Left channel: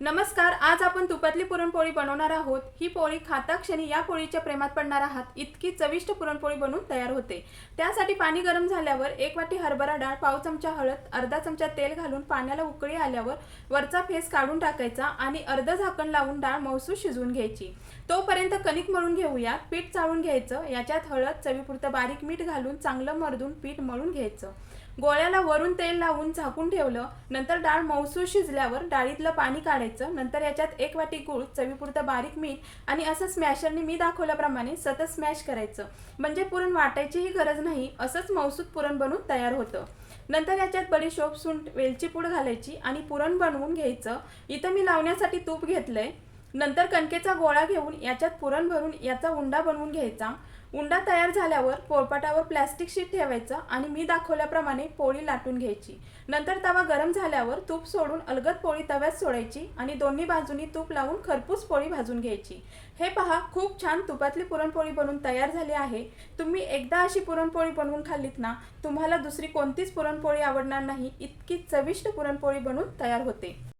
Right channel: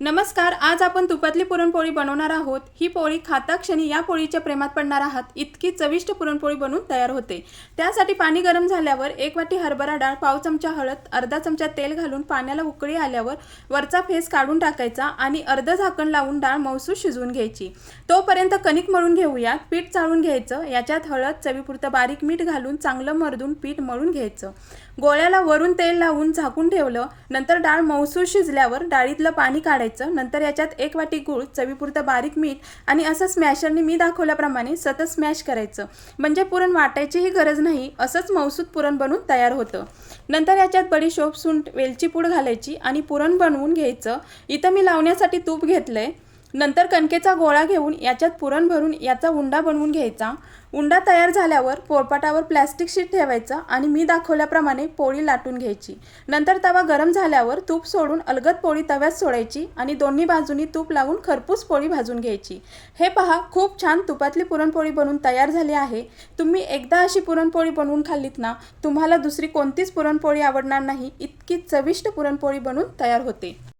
नमस्कार. आज आपण तुपातली पुरणपोळी बनवणार आहोत. ही पोळी खाता क्षणी या पोळीच्या प्रेमात पडणार आहात. इतकी चविष्ट पुरणपोळी बनून तयार होते. त्यासाठी पाणी गरम झाल्यावर 1 वाटी हरभरा डाळ, पाव चमचा हळद, अर्धा चमचा तेल घालून पाण्याला उकळी आल्यावर वरचा फेस काढून टाकायचा आणि अर्ध झाकण लावून डाळ मऊसूत शिजवून घ्यायची. तोपर्यंत कणिक मळून घेऊया. पीठ चाळून घ्यायचं. याच्यात हळद, चवीपुरतं बारीक मीठ घालून चांगलं मर्दून पीठ मळून घ्यायचं. गोळ्याला वरून तेल लावून झाकून ठेवलं. नंतर डाळ मऊसूत शिजल्यावर डाळीतलं पाणी काढायचं. नंतर याच्यात 1 वाटी गूळ, चवीपुरतं बारीक मीठ आणि असं स्मॅशरने मी दाखवल्याप्रमाणे सतत स्मॅश करायचं. म्हणजे पुरण वाटायचीही गरज नाही. असंच मऊसूत पुरण बनून तयार होतं. नंतर याच्यात बडीशोप, सुंठ, वेलची पूड घालायची आणि पुरण बनवून घ्यायचं. इथं मी लावण्यासाठी तूप घेतलंय. नंतर कणकेचा गोळा घेऊन याच्यात पुरण भरून याचा उंडा बनवून घ्यायचा. उंडा तयार झाल्यावर पोळपाटावर प्लॅस्टिक शीट ठेवायचं आणि मी दाखवल्याप्रमाणे पोळी लाटून घ्यायची. नंतर तवा गरम झाल्यावर तूप सोडून अलगद पोळी तव्यात सोडायची आणि दोन्ही बाजूनी तूप लावून खरपूस पोळी भाजून घ्यायची. हे पहा, खूप छान तुपातली पुरणपोळी बनवून तयार झाली आहे. तुम्ही एकदा अशी पुरणपोळी बनवून खाल्लीत ना, तुम्हाला दुसरी कोणतीच पुरणपोळी आवडणार नाही. इतकी चविष्ट पुरणपोळी बनवून तयार होते.